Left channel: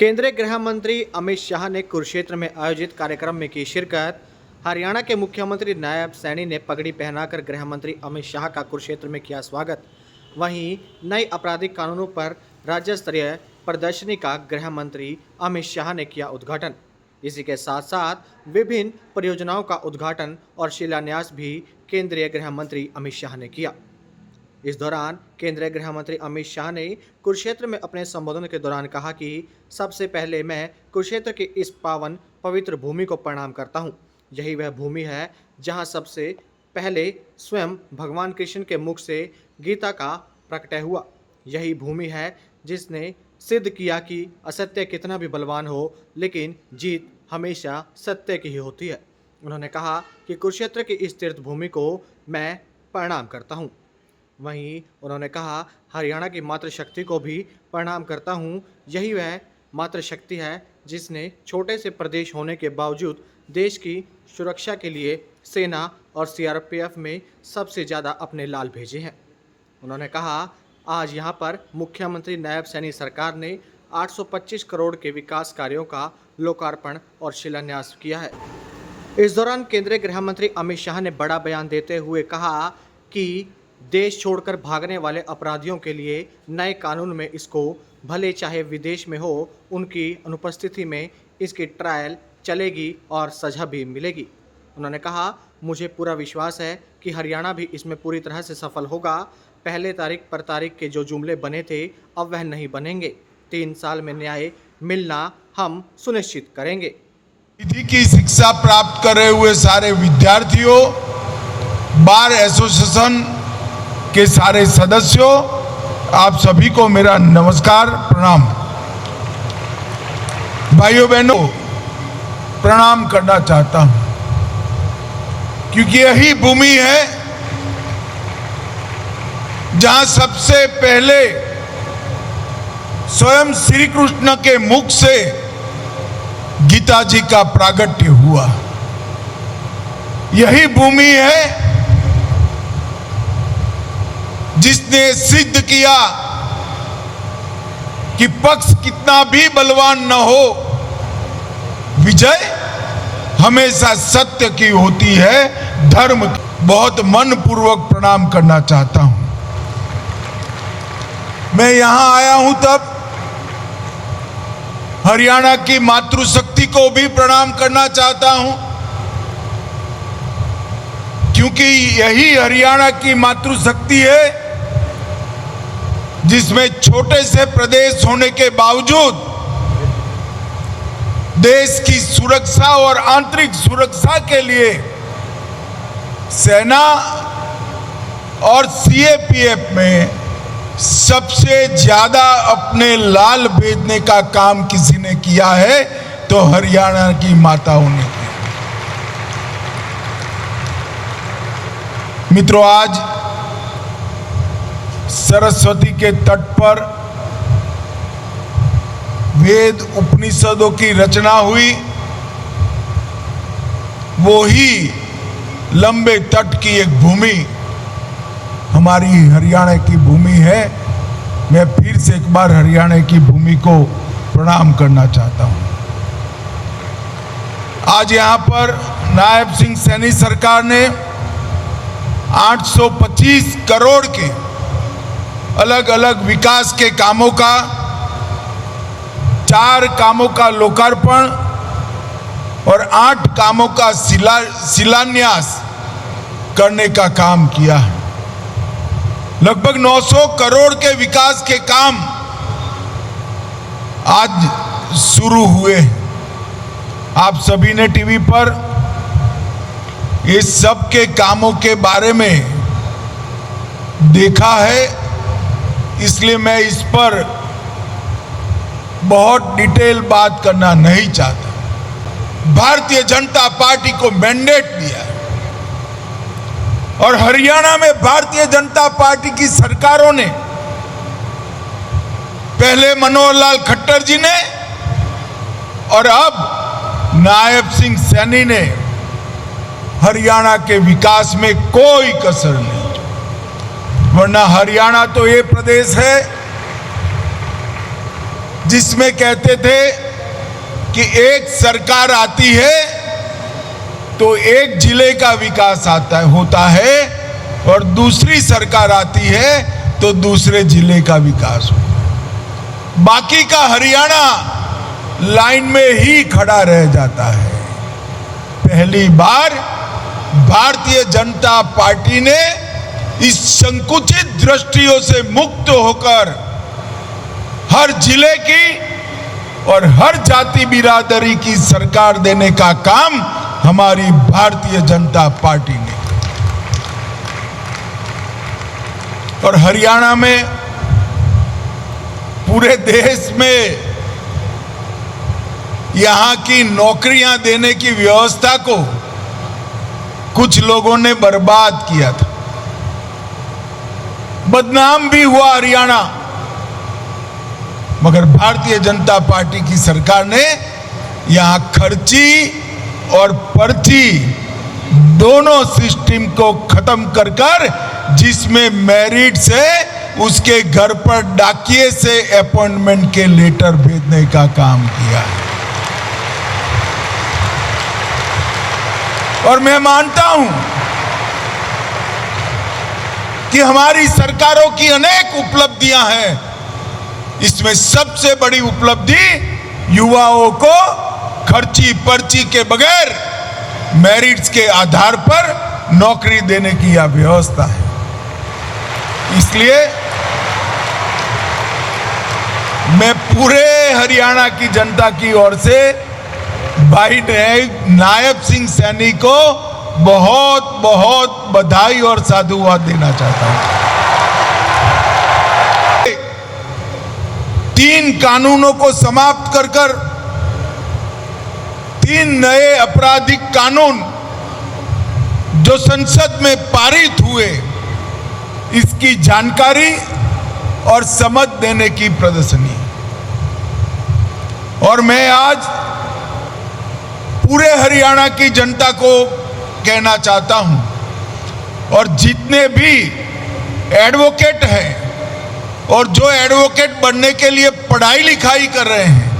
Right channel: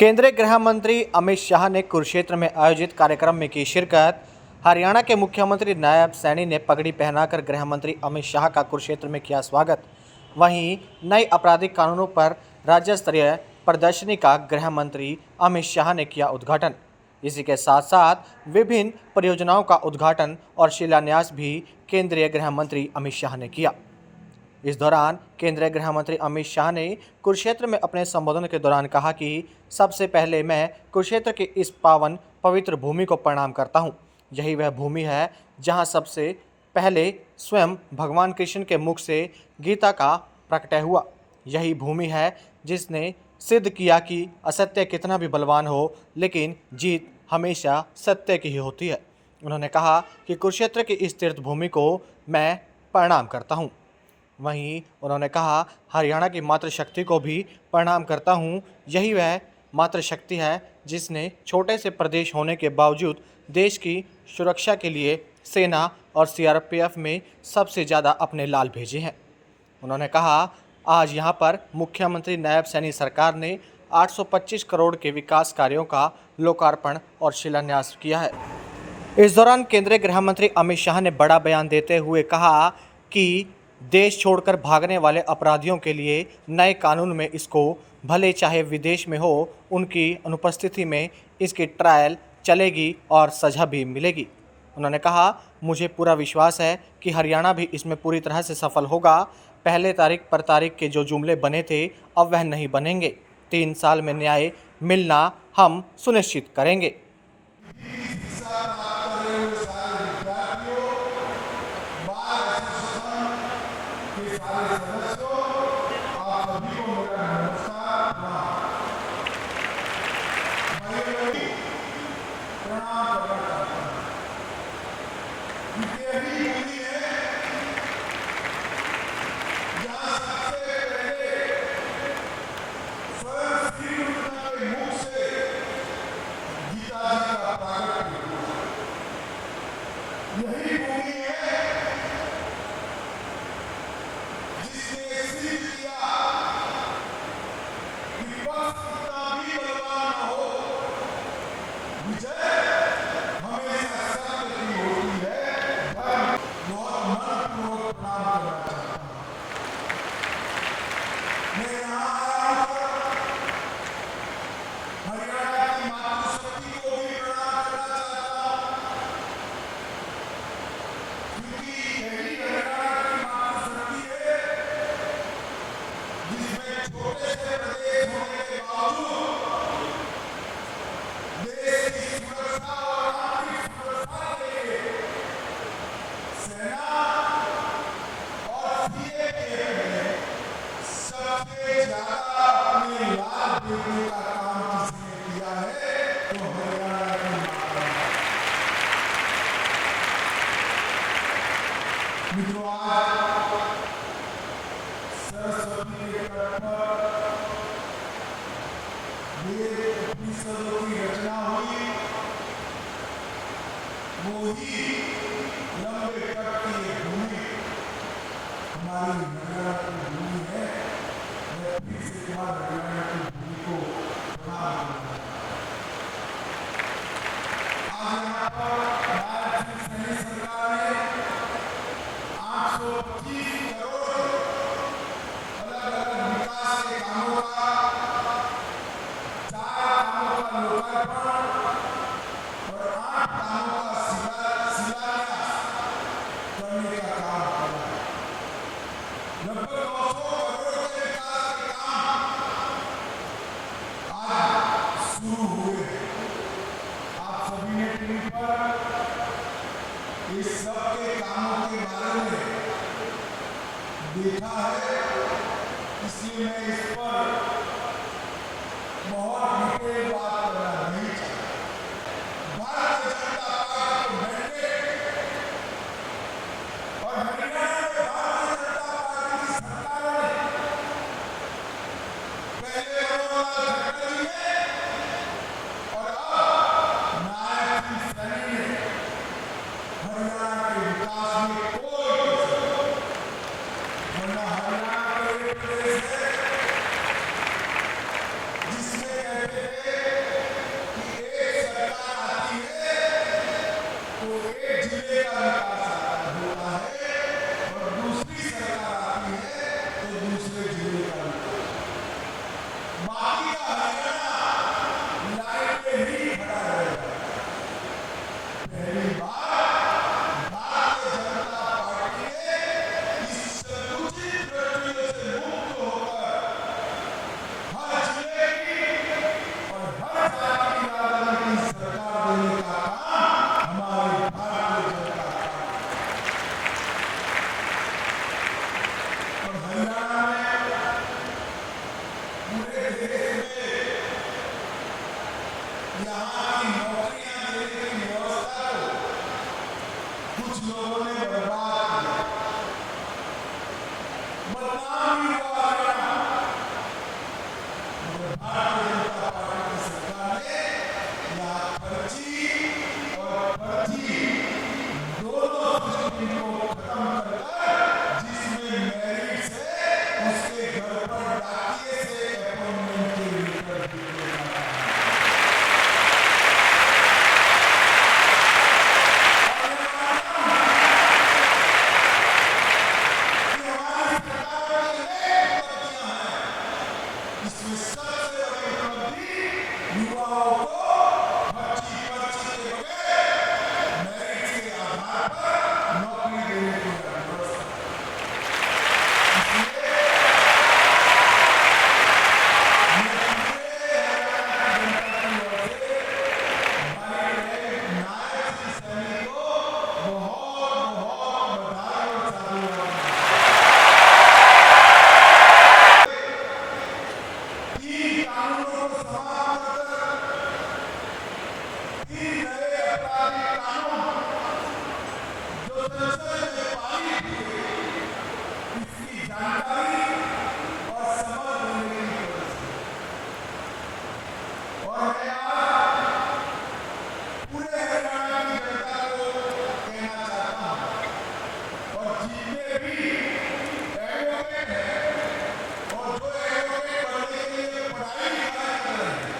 केंद्रीय गृह मंत्री अमित शाह ने कुरुक्षेत्र में आयोजित कार्यक्रम में की शिरकत। हरियाणा के मुख्यमंत्री नायब सैनी ने पगड़ी पहनाकर गृह मंत्री अमित शाह का कुरुक्षेत्र में किया स्वागत। वहीं नए आपराधिक कानूनों पर राज्य स्तरीय प्रदर्शनी का गृह मंत्री अमित शाह ने किया उद्घाटन। इसी के साथ साथ विभिन्न परियोजनाओं का उद्घाटन और शिलान्यास भी केंद्रीय गृह मंत्री अमित शाह ने किया। इस दौरान केंद्रीय गृह मंत्री अमित शाह ने कुरुक्षेत्र में अपने संबोधन के दौरान कहा कि सबसे पहले मैं कुरुक्षेत्र की इस पावन पवित्र भूमि को प्रणाम करता हूं। यही वह भूमि है जहां सबसे पहले स्वयं भगवान कृष्ण के मुख से गीता का प्रकटय हुआ। यही भूमि है जिसने सिद्ध किया कि असत्य कितना भी बलवान हो, लेकिन जीत हमेशा सत्य की ही होती है। उन्होंने कहा कि कुरुक्षेत्र की इस तीर्थ भूमि को मैं प्रणाम करता हूं। वहीं उन्होंने कहा, हरियाणा की मातृशक्ति को भी प्रणाम करता हूं। यही वह मातृशक्ति है जिसने छोटे से प्रदेश होने के बावजूद देश की सुरक्षा के लिए सेना और सीआरपीएफ में सबसे ज़्यादा अपने लाल भेजे हैं। उन्होंने कहा, आज यहां पर मुख्यमंत्री नायब सैनी सरकार ने 825 करोड़ के विकास कार्यों का लोकार्पण और शिलान्यास किया है। इस दौरान केंद्रीय गृह मंत्री अमित शाह ने बड़ा बयान देते हुए कहा कि देश छोड़कर भागने वाले अपराधियों के लिए नए कानून में इसको भले चाहे विदेश में हो, उनकी अनुपस्थिति में इसकी ट्रायल चलेगी और सज़ा भी मिलेगी। उन्होंने कहा, मुझे पूरा विश्वास है कि हरियाणा भी इसमें पूरी तरह से सफल होगा। पहले तारीख पर तारीख के जो जुमले बने थे अब वह नहीं बनेंगे। 3 साल में न्याय मिलना हम सुनिश्चित करेंगे। विधि की शिक्षा प्राप्त कर रहे हुए सारे विद्यार्थियों, बार एसोसिएशन के सारे सदस्यों, आप सभी को मेरा नमस्कार, प्रणाम। भाइयों बहनों, प्रणाम करना चाहता हूं क्योंकि यही भूमि है जहां सबसे पहले स्वयं श्री कृष्ण के मुख से गीता जी का प्रागट्य हुआ। यही भूमि है जिसने सिद्ध किया कि पक्ष कितना भी बलवान न हो, विजय हमेशा सत्य की होती है, धर्म की। बहुत मनपूर्वक प्रणाम करना चाहता हूं। मैं यहां आया हूं तब हरियाणा की मातृशक्ति को भी प्रणाम करना चाहता हूं, क्योंकि यही हरियाणा की मातृशक्ति है जिसमें छोटे से प्रदेश होने के बावजूद देश की सुरक्षा और आंतरिक सुरक्षा के लिए सेना और सीएपीएफ में सबसे ज्यादा अपने लाल भेजने का काम किसी ने किया है तो हरियाणा की माताओं ने। मित्रों, आज सरस्वती के तट पर वेद उपनिषदों की रचना हुई। वो ही लंबे तट की एक भूमि हमारी हरियाणा की भूमि है। मैं फिर से एक बार हरियाणा की भूमि को प्रणाम करना चाहता हूं। आज यहां पर नायब सिंह सैनी सरकार ने 825 करोड़ के अलग अलग विकास के कामों का 4 कामों का लोकार्पण और 8 कामों का शिलान्यास करने का काम किया। लगभग 900 करोड़ के विकास के काम आज शुरू हुए। आप सभी ने टीवी पर ये सब के कामों के बारे में देखा है, इसलिए मैं इस पर बहुत डिटेल बात करना नहीं चाहता। भारतीय जनता पार्टी को मैंडेट दिया है और हरियाणा में भारतीय जनता पार्टी की सरकारों ने, पहले मनोहर लाल खट्टर जी ने और अब नायब सिंह सैनी ने हरियाणा के विकास में कोई कसर नहीं। वरना हरियाणा तो ये प्रदेश है जिसमें कहते थे कि एक सरकार आती है तो एक जिले का विकास होता है और दूसरी सरकार आती है तो दूसरे जिले का विकास हो। बाकी का हरियाणा लाइन में ही खड़ा रह जाता है। पहली बार भारतीय जनता पार्टी ने इस संकुचित दृष्टियों से मुक्त होकर हर जिले की और हर जाति बिरादरी की सरकार देने का काम हमारी भारतीय जनता पार्टी ने। और हरियाणा में पूरे देश में यहां की नौकरियां देने की व्यवस्था को कुछ लोगों ने बर्बाद किया था। बदनाम भी हुआ हरियाणा, मगर भारतीय जनता पार्टी की सरकार ने यहां खर्ची और पर्ची दोनों सिस्टम को खत्म कर जिसमें मेरिट से उसके घर पर डाकिए से अपॉइंटमेंट के लेटर भेजने का काम किया। और मैं मानता हूं कि हमारी सरकारों की अनेक उपलब्धियां हैं। इसमें सबसे बड़ी उपलब्धि युवाओं को खर्ची पर्ची के बगैर मेरिट्स के आधार पर नौकरी देने की यह व्यवस्था है। इसलिए मैं पूरे हरियाणा की जनता की ओर से भाई नायब सिंह सैनी को बहुत बहुत बधाई और साधुवाद देना चाहता हूं। 3 कानूनों को समाप्त कर 3 नए आपराधिक कानून जो संसद में पारित हुए, इसकी जानकारी और समझ देने की प्रदर्शनी। और मैं आज पूरे हरियाणा की जनता को कहना चाहता हूं, और जितने भी एडवोकेट हैं और जो एडवोकेट बनने के लिए पढ़ाई लिखाई कर रहे हैं,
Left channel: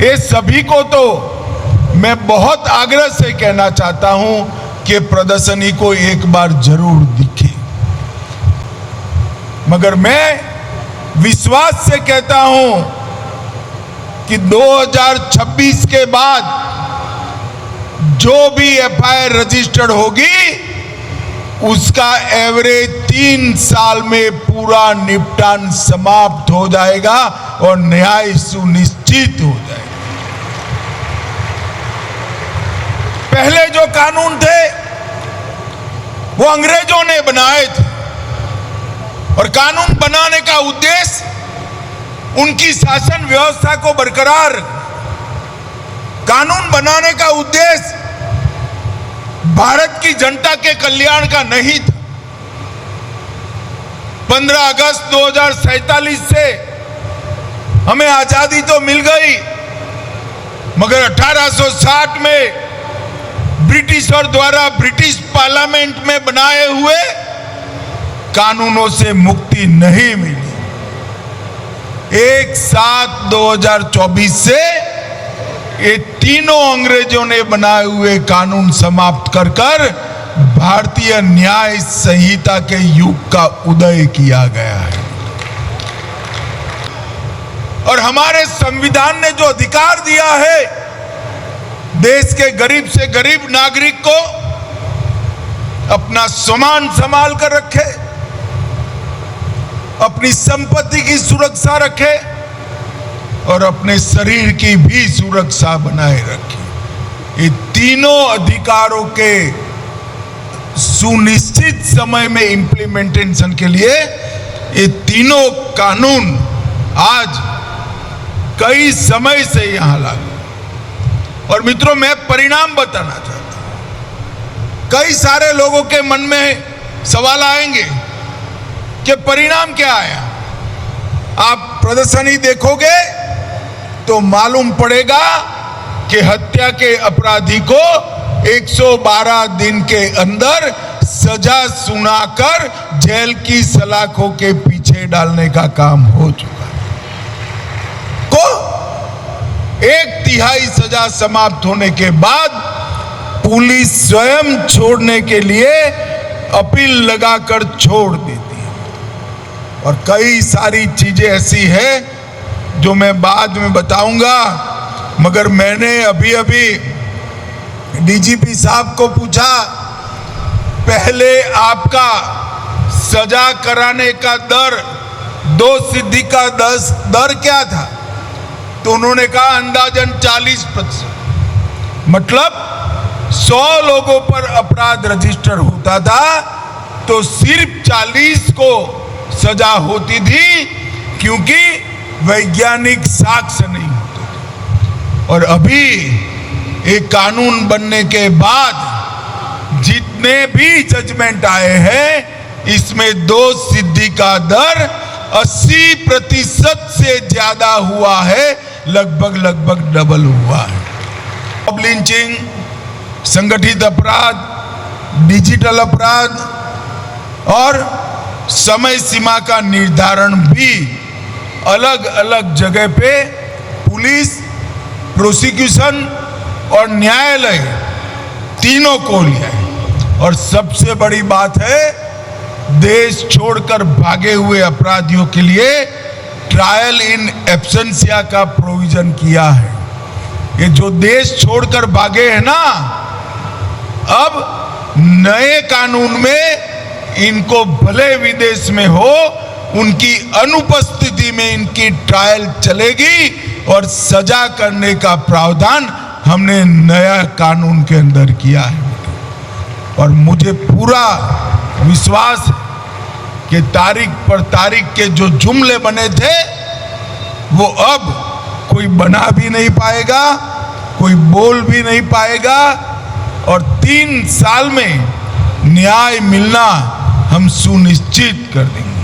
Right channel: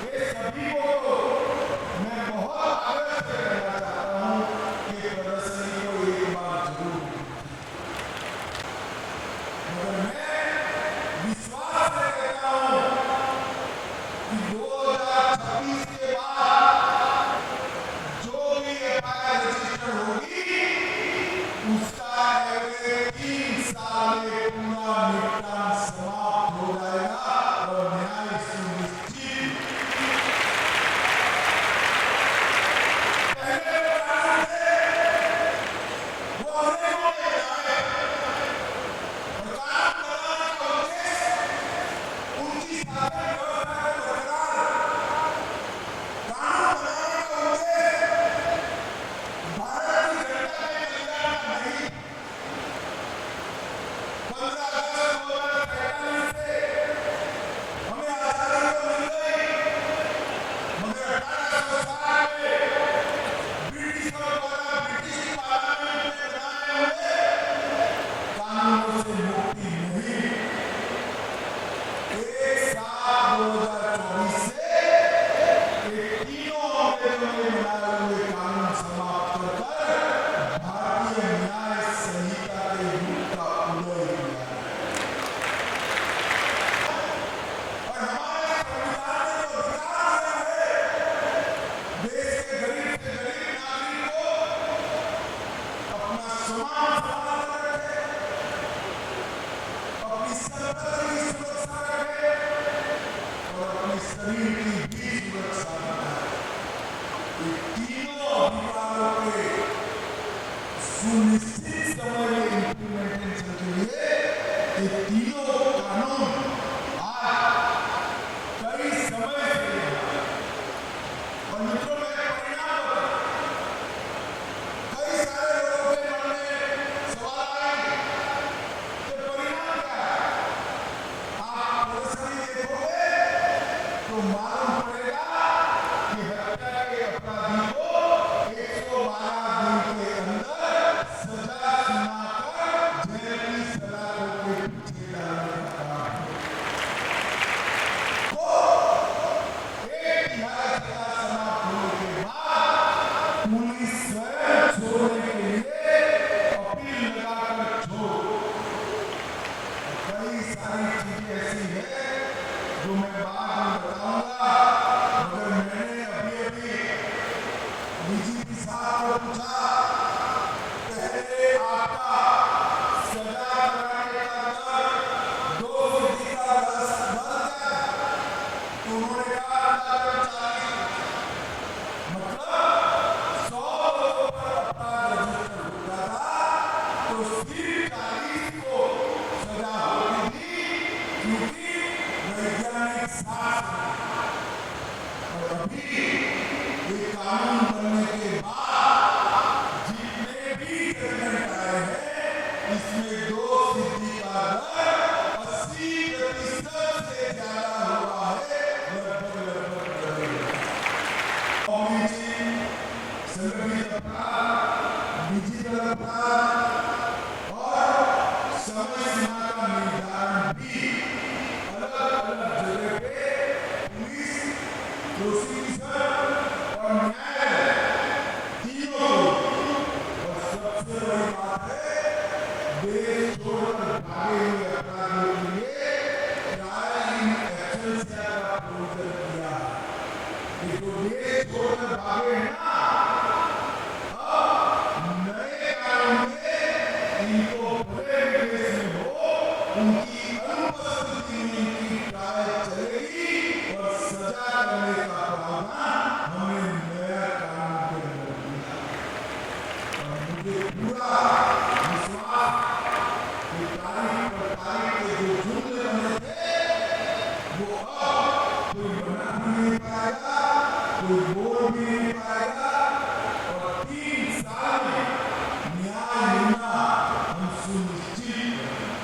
ये सभी को तो मैं बहुत आग्रह से कहना चाहता हूं कि प्रदर्शनी को एक बार जरूर दिखे। मगर मैं विश्वास से कहता हूं कि 2026 के बाद जो भी एफआईआर रजिस्टर्ड होगी उसका एवरेज 3 साल में पूरा निपटान समाप्त हो जाएगा और न्याय सुनिश्चित हो जाएगा। पहले जो कानून थे वो अंग्रेजों ने बनाए थे, और कानून बनाने का उद्देश्य उनकी शासन व्यवस्था को बरकरार, कानून बनाने का उद्देश्य भारत की जनता के कल्याण का नहीं था। 15 अगस्त 2047 से हमें आजादी तो मिल गई, मगर 1860 में ब्रिटिशर द्वारा ब्रिटिश पार्लियामेंट में बनाए हुए कानूनों से मुक्ति नहीं मिली। 1/7/2024 से ये तीनों अंग्रेजों ने बनाए हुए कानून समाप्त कर भारतीय न्याय संहिता के युग का उदय किया गया है। और हमारे संविधान ने जो अधिकार दिया है देश के गरीब से गरीब नागरिक को अपना सामान संभाल कर रखे, अपनी संपत्ति की सुरक्षा रखे और अपने शरीर की भी सुरक्षा बनाए रखे, ये तीनों अधिकारों के सुनिश्चित समय में इंप्लीमेंटेशन के लिए ये तीनों कानून आज कई समय से यहां लागू। और मित्रों, मैं परिणाम बताना चाहता हूं। कई सारे लोगों के मन में सवाल आएंगे कि परिणाम क्या आया। आप प्रदर्शनी देखोगे तो मालूम पड़ेगा कि हत्या के अपराधी को 112 दिन के अंदर सजा सुनाकर जेल की सलाखों के पीछे डालने का काम हो चुका है। को 1/3 सजा समाप्त होने के बाद पुलिस स्वयं छोड़ने के लिए अपील लगाकर छोड़ देती है। और कई सारी चीजें ऐसी है जो मैं बाद में बताऊंगा, मगर मैंने अभी डीजीपी साहब को पूछा, पहले आपका सजा कराने का दर, दोषसिद्धि का दर क्या था? तो उन्होंने कहा अंदाजन 40%। मतलब 100 लोगों पर अपराध रजिस्टर होता था तो सिर्फ 40 को सजा होती थी, क्योंकि वैज्ञानिक साक्ष्य नहीं होते। और अभी एक कानून बनने के बाद जितने भी जजमेंट आए हैं, इसमें दोष सिद्धि का दर 80% से ज्यादा हुआ है, लगभग डबल हुआ है। अब लिंचिंग, संगठित अपराध, डिजिटल अपराध और समय सीमा का निर्धारण भी अलग अलग जगह पे पुलिस, प्रोसिक्यूशन और न्यायालय तीनों को लिया है। और सबसे बड़ी बात है, देश छोड़कर भागे हुए अपराधियों के लिए ट्रायल इन एब्सेंशिया का प्रोविजन किया है। ये जो देश छोड़कर भागे हैं ना, अब नए कानून में इनको भले विदेश में हो, उनकी अनुपस्थिति में इनकी ट्रायल चलेगी और सजा करने का प्रावधान हमने नया कानून के अंदर किया है। और मुझे पूरा विश्वास कि तारीख पर तारीख के जो जुमले बने थे वो अब कोई बना भी नहीं पाएगा, कोई बोल भी नहीं पाएगा। और 3 साल में न्याय मिलना हम सुनिश्चित कर देंगे।